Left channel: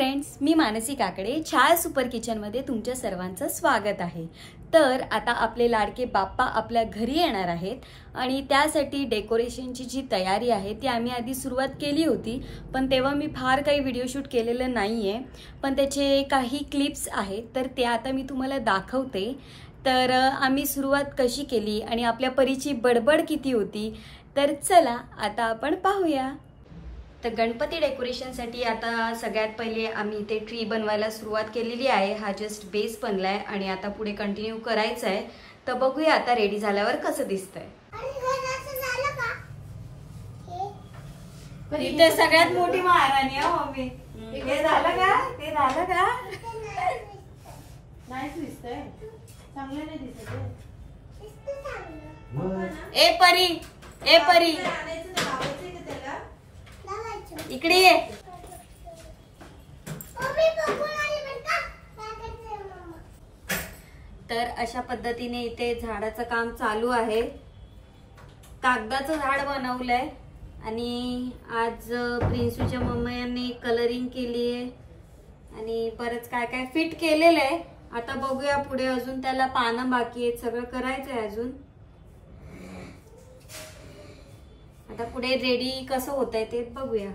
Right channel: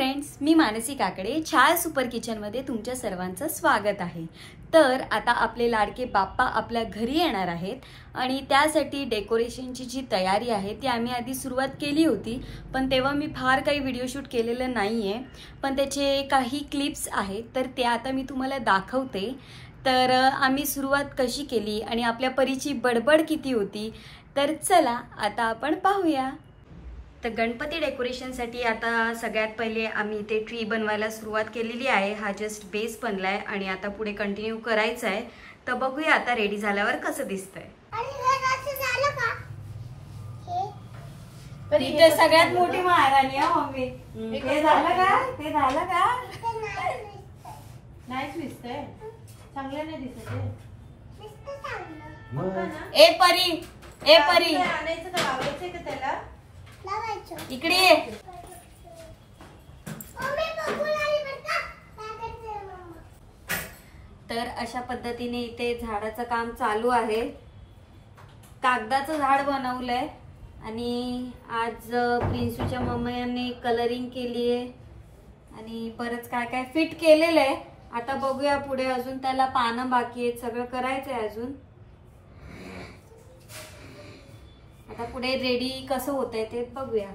Friends, मी मानसी काकडे छाया super किचनमध्ये तुमच्या सर्वांचं स्वागत आहे। तर आता आपले लाडके बाप्पा आपल्या घरी येणार आहेत आणि त्यासाठी डेकोरेशनची जी तयारी आहे ती आम्ही आधी सुरुवात केली होती, पण तेव्हा मी फार काही व्हिडिओ शूट केलेलं नाहीये, पण त्याचे काही क्लिप्स आहेत तर ते आता मी तुम्हाला दाखवते। तर आम्ही सुरुवात कशी केली आणि आपल्या परीची बडबड किती होती, तर चला आता आपण पाहूया। तर गणपती डेकोरेशनसाठी आता सगळ्यात पहिले आम्ही इथे ट्री बनवायला सुरुवात केलेली आहे। हा जस्ट बेस बनलाय आणि आता पुढे कंटिन्यू करायचं आहे। तर बघूया आता रेडी झाल्यावर कसं दिसतंय। इथे सगळ्यात मोठी महाराणी आहे मम्मी। हे झालं का? ते झालं का? नाहीच दिसतंय, चांगलं नाही दिसत आहे। ए परी, ए परी आणायचं का लावायचं का त्याला? इकडे ये। तर अशा पद्धतीने इथे झाडाचं काम चालू आहे। कागदाचं झाड बनवलंय आणि आज प्रिन्सूच्या मम्मीने कलरिंग केली आहे आणि परत काय काय फिट केलेलं आहे। आता बघूया पुढे, अजून त्याला पानं बाकी आहेत, सगळं करायचंय अजून। आता पुढे रेडी कसं होतंय ते बघूया।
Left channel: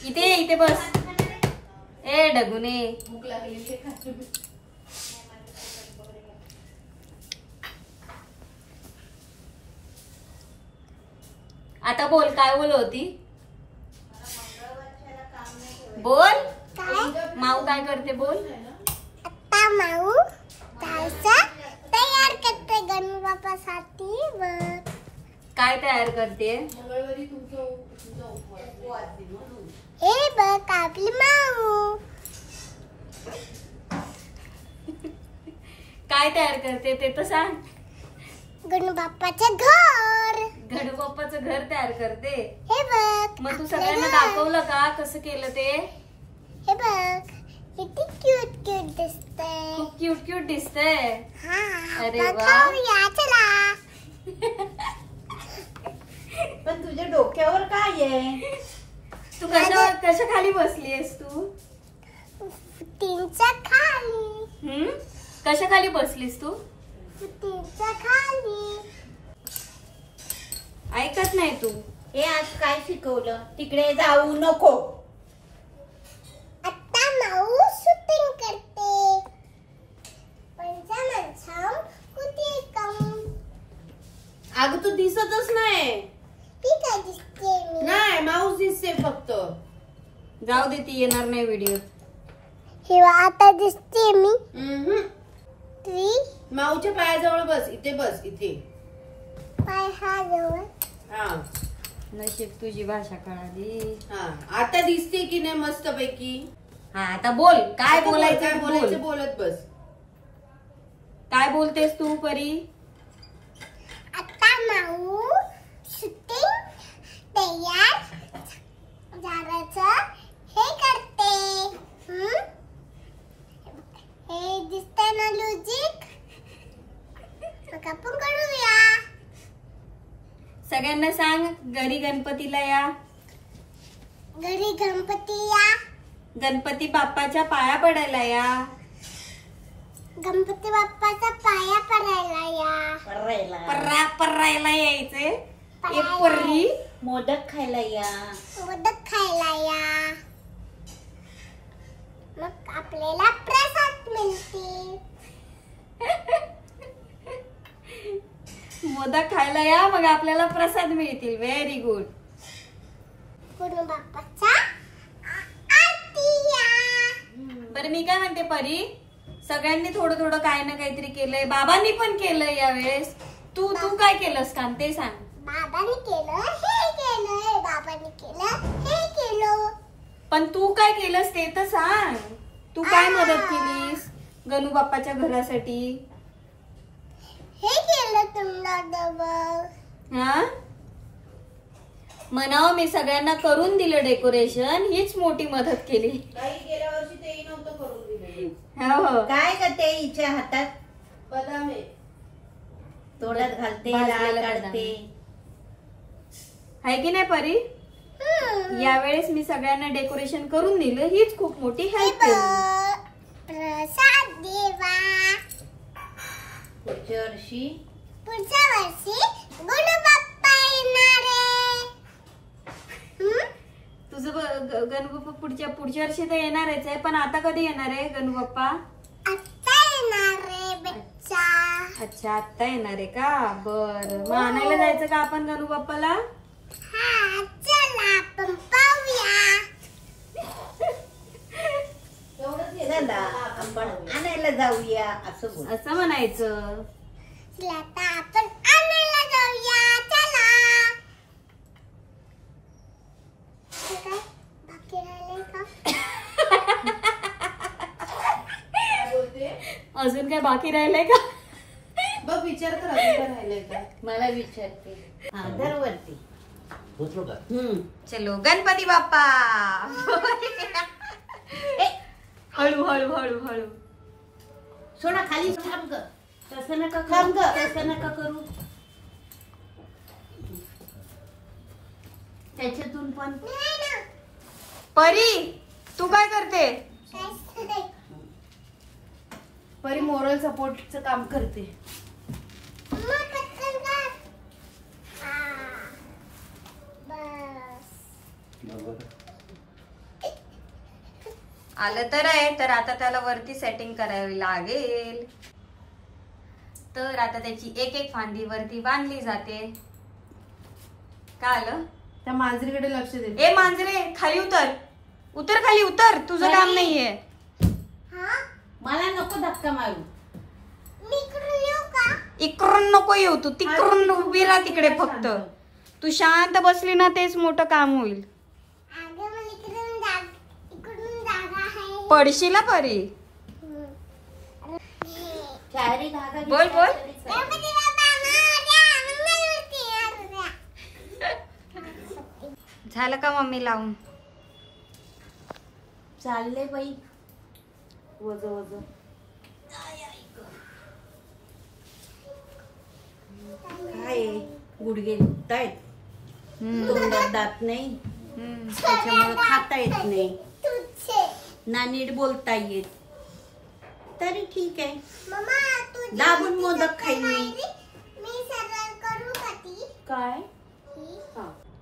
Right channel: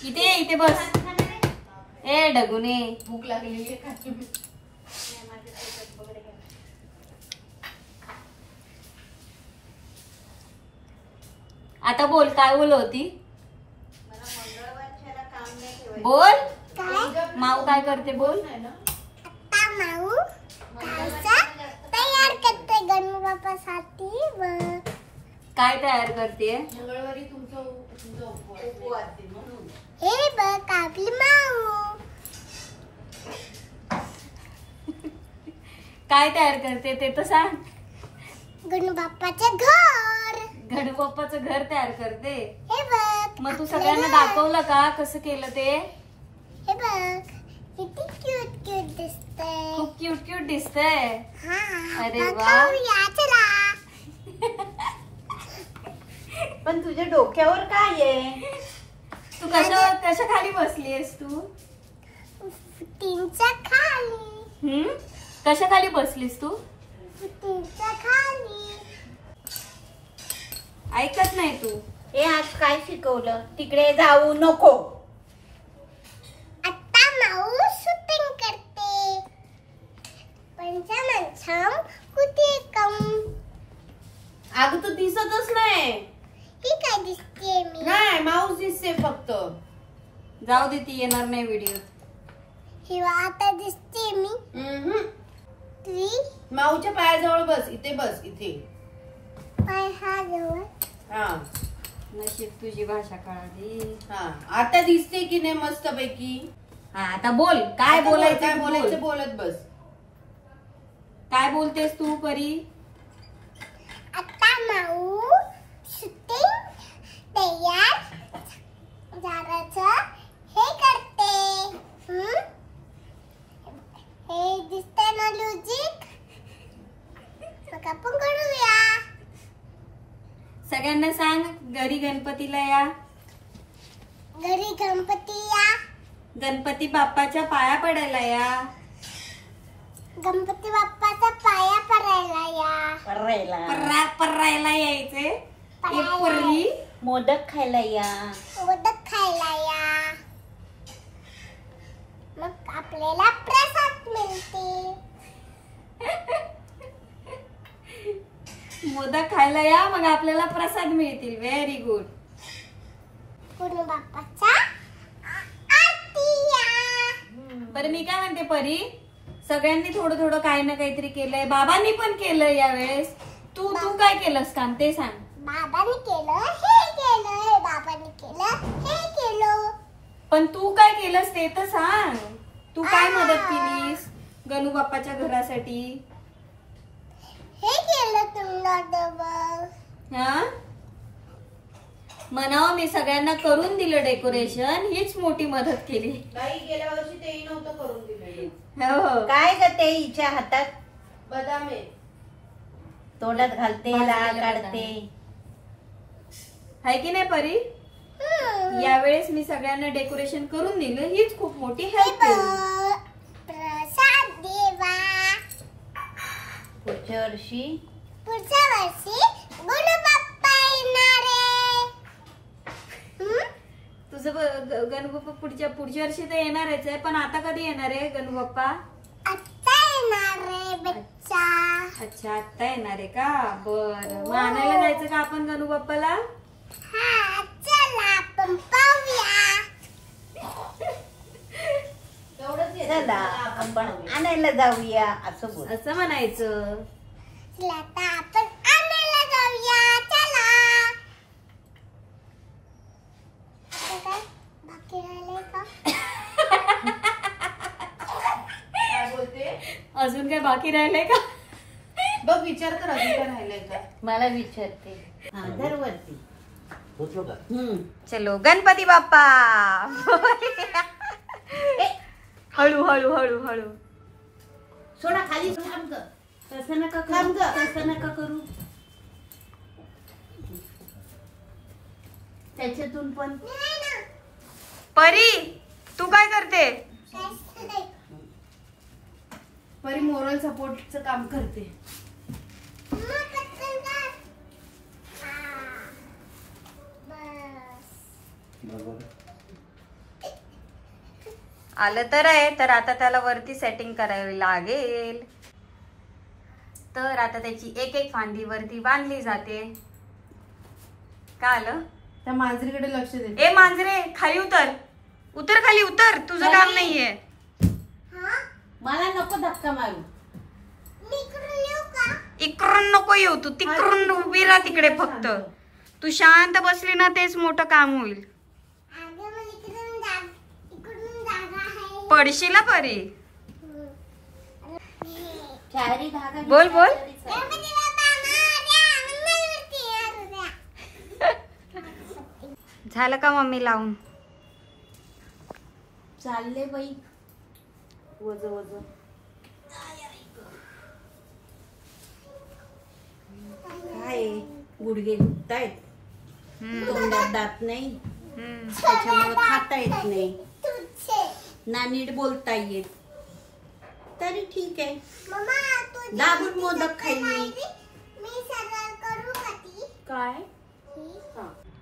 इथे इथे बस। ए ढगुने, भूक लागलेली आहे। आता बोल, काय बोल होती? बोल काय? माऊ काय करते बोल। आता माऊ तयार करते गणपती बाप्पासाठी। काय तयार करते? मंगळवारी तुमचा उपवास आहे म्हणून। हे बघ आपली माऊ काय तयार करते ते तर सांग। गणपती बाप्पाचं घर, गणू बाप्पाचं घर तयार करते। हे बघ। मग तू सगळ्यांना दाखवलं का कसं केलं ते? हे बघ किती क्यूट क्यूट दिसतंय। खूप क्यूट क्यूट दिसतंय। हा, अरे वा। बघूया चला। पण तुझ्या डोक्यावर काय आहे? तू कशा खाली बसलीयस तू? तीनच्या खाली। कशा खाली बसलीस तू? तीनच्या खाली। ऐकत नाही तू। हे आज काय शिकवलं? तिकडे जाऊ नको। आता माऊ शूटिंग करते। पंचमंचम कुठे कम? अगं तू दिसतच नाही। ती काय दिसते मी? नाही, माऊस दिसते फक्त। जाऊ दे, ती येणार नाही व्हिडिओ। किंवा आता दिसते मी? ती माऊच्या पायाजवळ बस, इथे बस, इथे पाय हा जवळ। हा, नशीब तुझी भाषा कळाली। हा, आता दिसते की नाही मस्त पैकी? हा, आता बोल, काय आता बोलायचं काय बोल। बोलायचं बोलत बस। काय बोलतेस तू परी? आता माऊ शूटिंग तयार झाडाचं हे करते। हे दिसतंय ना लॉजिक? मग आपण करूया। सगळ्यांना सांग, घरी गणपतीला या। घरी गणपती या। गणपती बाप्पाच्या पाया पडायला या। गणपती बाप्पाचा पाया पडायला या। पर्रायला यायचे। एक परी मोदक खायला या। मोदक खायला या। मग आपल्याला प्रसाद मिळते। मोदक खायला या, मग आपल्याला प्रसाद मिळतील। Very good. गणपती बाप्पाचा आरती या। बरं, मी काय म्हणते परी, सगळ्यांनी थोडं थोडं काही ना काहीतरी केलंय। बाबांनी पण केलंय यावेळेस। तू काय केलंस काम ते सांग। बाबांनी केलं, हे केलं, बाबांनी केलं, हे केलं। पण तू काय केलंस ते तर सांग। तू काय मदत केलीस गणू बाप्पाच्या घरासाठी? हे केलं तुला डबल। हा, म्हणावं मी सगळ्यांना करून दिलं डेकोरेशन, हीच मोठी मदत केली. काही गेल्या वर्षी तेही नव्हतं करून दिलेलं. हो काय ग ते हिच्या हातात बदाम आहे. तोंडात घालते भाजलेलं लाल बदाम. काढते. आहे की नाही परी? यावेळेस मी सगळ्यांना डेकोरेशन करून दिलं, हीच खूप मोठी हेल्प केली. प्रसाद देवा. पुढच्या वर्षी गुडू बाप्पा येणार आहे. तुझं गणू बाप्पा पुढच्या वर्षी तर येणारच आहे, पण आता कधी येणार आहे गणू बाप्पा? आत्ता येणार आहे बच्चा. अच्छा, आता येणार आहे का? बरं, मग आणायला जायचं का आपण गणू बाप्पाला? हा, चला आपण पाहूया. चला आपण पण आणायला जाऊया असं बोल. असं म्हणायचं. चला आता आपण आणायला जाऊया. चला. आता काय बाकी राहिलंय का? काय बोलते? अजून काय बाकी राहिलंय का? बघ विचार कर अजून काय राहिलंय का. मला विचारते. हा दरवरती. चलो गणपती बाप्पा. हळू हळू हळू हळू. सोडा खाली थांब ग. तसं नका थांब करू, ग. तसं नका करू. त्याच्यातून पण नाही ना. परी तू काय करते? काहीच नाही. परी मोरल सपोर्टचं काम करते. मग पटकन कर. हा. बस. आलं तर आहे, तर आता त्याला वरती सेटिंग करावी लागेल. तर आता त्याची एक एक फांदी वरती बांधली जाते. का आलं? त्या मांजरीकडे लक्ष दे. ए मांजरे खाली उतर, उतर खाली उतर, तुझं काम नाहीये. हा? मला नको धक्का मारू. मी इकडून येऊ का? इकडून नको येऊ तू, तिकडून उभी राहा तिकडे फक्त. तू शांत बसली ना तेच मोठं काम होईल. अगं मला इकडून जागा आहे. पडशील ना परी. चारी धागा बोल बोल. गणपती बाप्पा मोरया. मंगलमूर्ती मोरया. झालं का मम्मी लावून? चालले बाई. वज वज. काय गुडघे दुखतायत. तोंडात दात नाही, त्याच्यामुळे खाता येत नाही तुझे. ना नीट बोलता येत. तरी ठीक आहे. मम्मा तू दाबून मोदक खाईन मी. मी सरळ करू का ती? काय?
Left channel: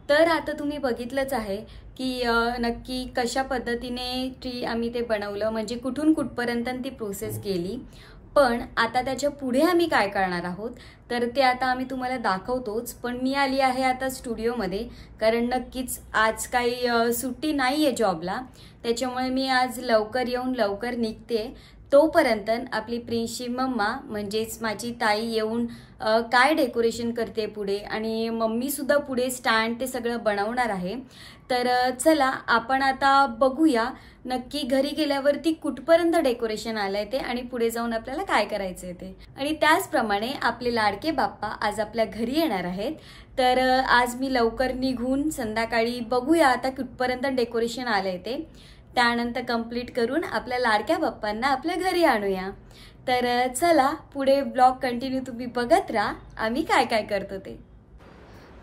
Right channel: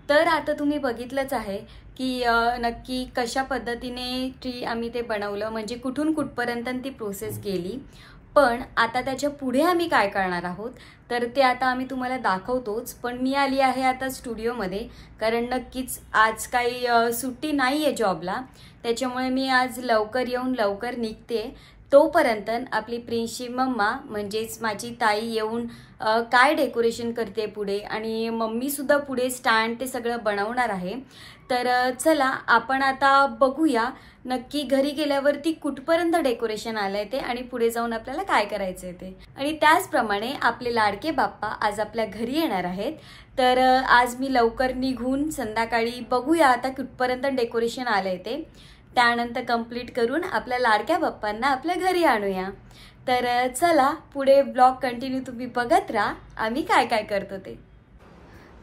तर आता तुम्ही बघितलंच आहे की नक्की कशा पद्धतीने ट्री आम्ही ते बनवलं, म्हणजे कुठून कुठपर्यंत ती प्रोसेस गेली. पण आता त्याच्या पुढे आम्ही काय करणार आहोत तर ते आता आम्ही तुम्हाला दाखवतोच. पण मी आली आहे आता स्टुडिओमध्ये, कारण नक्कीच आज काही सुट्टी नाही आहे जॉबला, त्याच्यामुळे मी आज लवकर येऊन लवकर निघते. तोपर्यंत आपली प्रिन्सची मम्मा म्हणजेच माझी ताई येऊन काय डेकोरेशन करते पुढे, आणि मम्मीसुद्धा पुढे स्टँड ते सगळं बनवणार आहे. तर चला आपण आता बघूया नक्की घरी गेल्यावरती कुठपर्यंत डेकोरेशन आलंय ते, आणि पुढे जाऊन आपल्याला काय करायचं आहे ते. आणि त्याचप्रमाणे आपले लाडके बाप्पा आज आपल्या घरी येणार आहेत. तर आज मी लवकर निघून संध्याकाळी बघूया आता कुठपर्यंत डेकोरेशन आलंय ते, त्यानंतर कंप्लीट करून आपल्या लाडक्या बाप्पांना आपल्या घरी आणूया. तर चला पुढे ब्लॉग कंटिन्यू तुम्ही बघत राहा आम्ही काय काय करतो ते.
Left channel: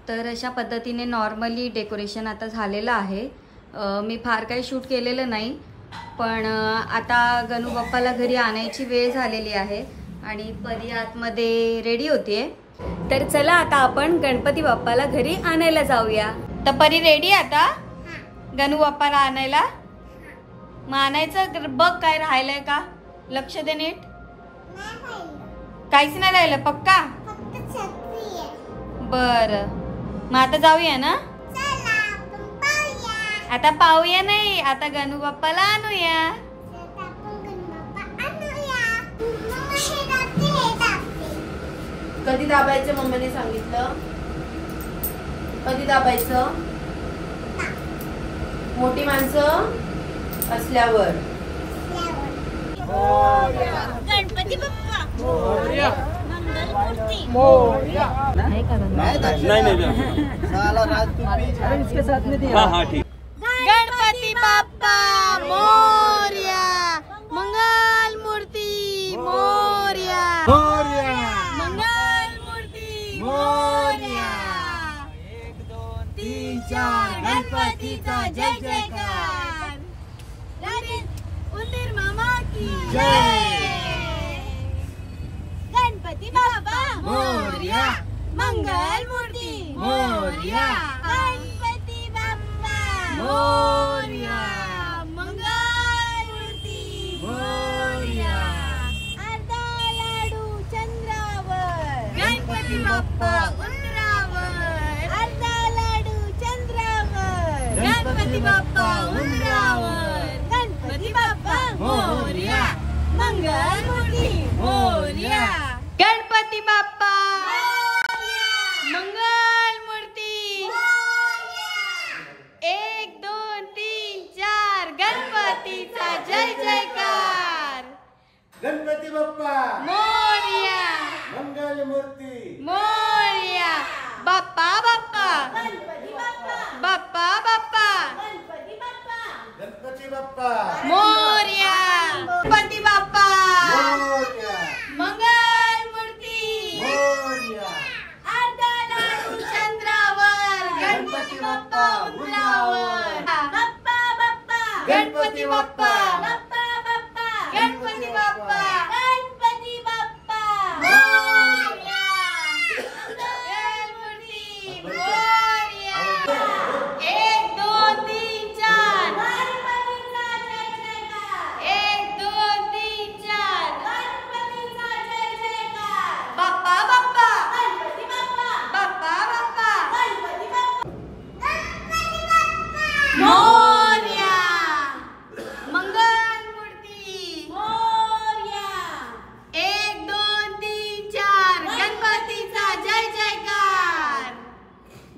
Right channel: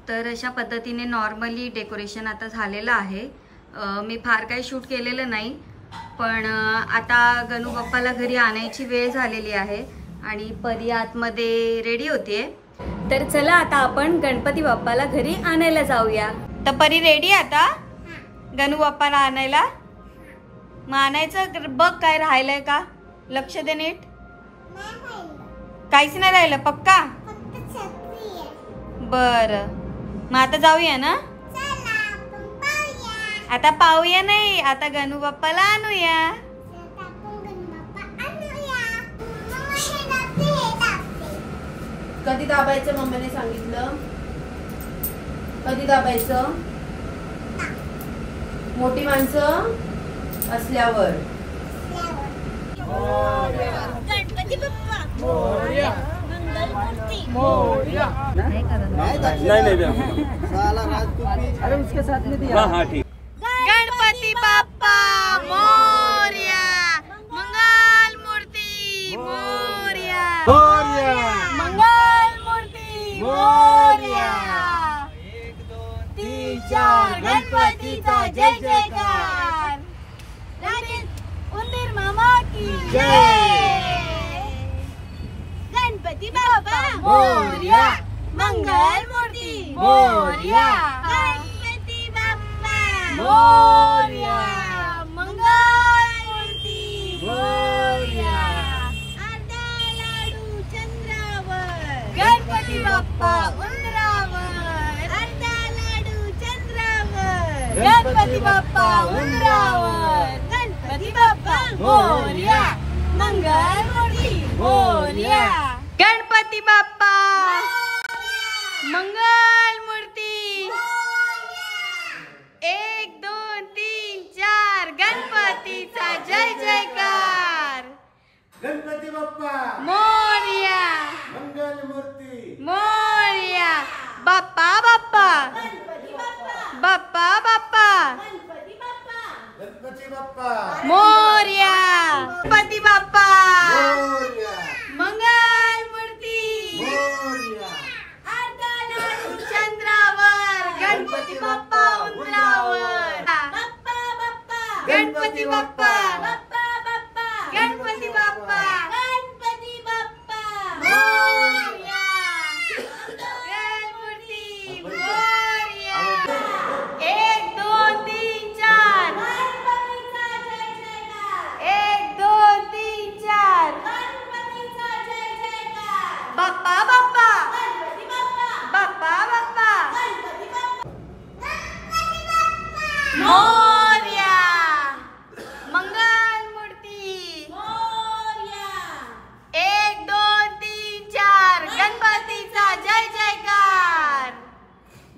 तर अशा पद्धतीने नॉर्मली डेकोरेशन आता झालेलं आहे. मी फार काही शूट केलेलं नाही, पण आता गणू बाप्पाला घरी आणायची वेळ झालेली आहे आणि परी आतमध्ये रेडी होतीये. तर चला आता आपण गणपती बाप्पाला घरी आणायला जाऊया. तर परी रेडी आता गणू बाप्पाला आणायला? मग आणायचं बघ काय राहिलंय का, लक्ष दे नीट. नाही राहिलं. काहीच नाही राहिलं पक्का? फक्त छत्री आहे. बरं मग आता जाऊया ना. चला आपण पाहूया. आता पाहूया नाही, आता गणू बाप्पाला आणूया. आता आपण गणपती आणूया. मम्मा हे दाबते, हे दाबते. कधी दाबायचं मम्मीने सांगितलं? कधी दाबायचं? मोठी माणसं असल्यावर. गणपती बाप्पा मोरया. मंगल हाँ ठीक। गणपती बाप्पा मोरया, मंगल मूर्ती मोरया, मंगल मूर्ती मोरया। 1 2 3 4 गणपतीचा जय जयकार। उंदीर मामा की जय। गणपती बाप्पा मोरया, मंगल मूर्ती मोरया, गणपती बाप्पा मोरया, मंगल मूर्ती मोरया। अर्धा लाडू चंद्रावर, गणपती बाप्पा उंदरावर, अर्धा लाडू चंद्रावर, गणपती बाप्पा उंदरावर, गणपती बाप्पा मोरया, मंगल मूर्ती मोरया। गणपती बाप्पा मंगल मूर्ती 1 2 3 4 गणपतीचा जय जयकार। गणपती बाप्पा मोरया, मंगल मूर्ती मोरया। बाप्पा बाप्पा, बाप्पा बाप्पा, गणपती बाप्पा मोरया। गणपती बाप्पा मोरया, मंगल मूर्ती मोरया, अर्धा लाडू चंद्रावर, गणपती बाप्पा उंदरावर, बाप्पा बाप्पा, गणपती बाप्पा, बाप्पा बाप्पा, गणपती बाप्पा, गणपती बाप्पा मोरया, मंगल मूर्ती मोरया। 1 2 3 4 गणपतीचा जय जयकार। 1 2 3 4 गणपतीचा जय जयकार। बाप्पा बाप्पा, गणपती बाप्पा, बाप्पा बाप्पा, गणपती बाप्पा, गणपती बाप्पा मोरया, मंगल मूर्ती मोरया। 1 2 3 4 गणपतीचा जय जयकार।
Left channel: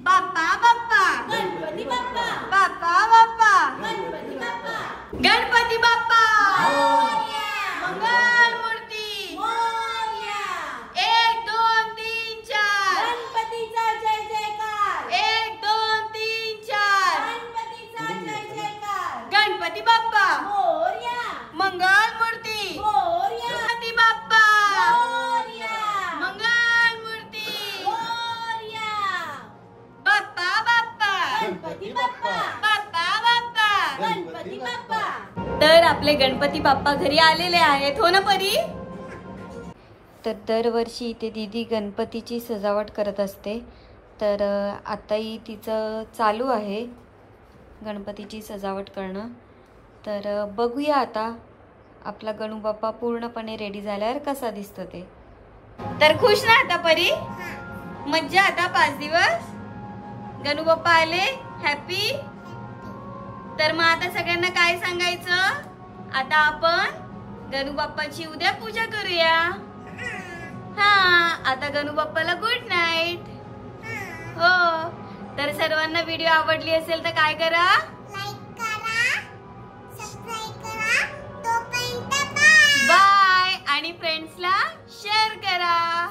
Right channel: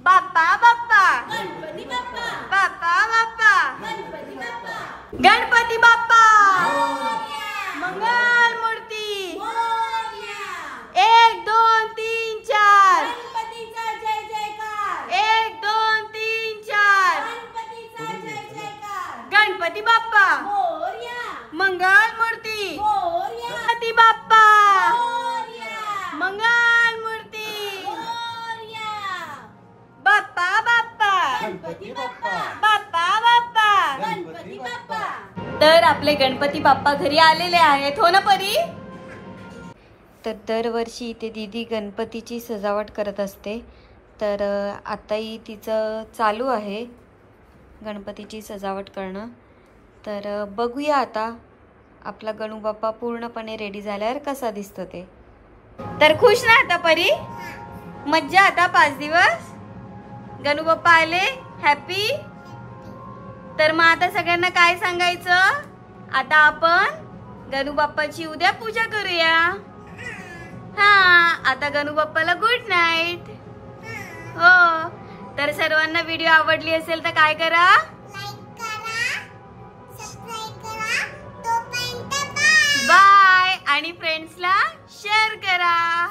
बाप्पा बाप्पा, गणपती बाप्पा, बाप्पा बाप्पा, गणपती बाप्पा, गणपती बाप्पा मंगल मूर्ती मोरया। 1 2 3 4 गणपतीचा जय जयकार। 1 2 3 4 गणपतीचा जय जयकार। गणपती बाप्पा मोरया, मंगल मूर्ती मोरया। गणपती बाप्पा मोरया, मंगल मूर्ती मोरया। बाप्पा बाप्पा, गणपती बाप्पा, बाप्पा बाप्पा, गणपती बाप्पा। तर आपले गणपती बाप्पा घरी आलेले आहेत, हो ना परी? तर दरवर्षी इथे दीदी गणपतीची सजावट करत असते, तर आताही तिचं चालू आहे गणपतीची सजावट करणं। तर बघूया आता आपला गणू बाप्पा पूर्णपणे रेडी झाल्यावर कसा दिसतो ते। तर खुश ना आता परी? मज्जा आता 5 दिवस गणू बाप्पा आले, हॅपी? तर मग आता सगळ्यांना काय सांगायचं? आता आपण गणू बाप्पाची उद्या पूजा करूया। हा, आता गणू बाप्पाला गुड नाईट। हो, तर सर्वांना व्हिडिओ आवडली असेल तर काय करा? लाईक करा, सबस्क्राईब करा, तोपर्यंत बाय. बाय आणि फ्रेंड्सला शेअर करा।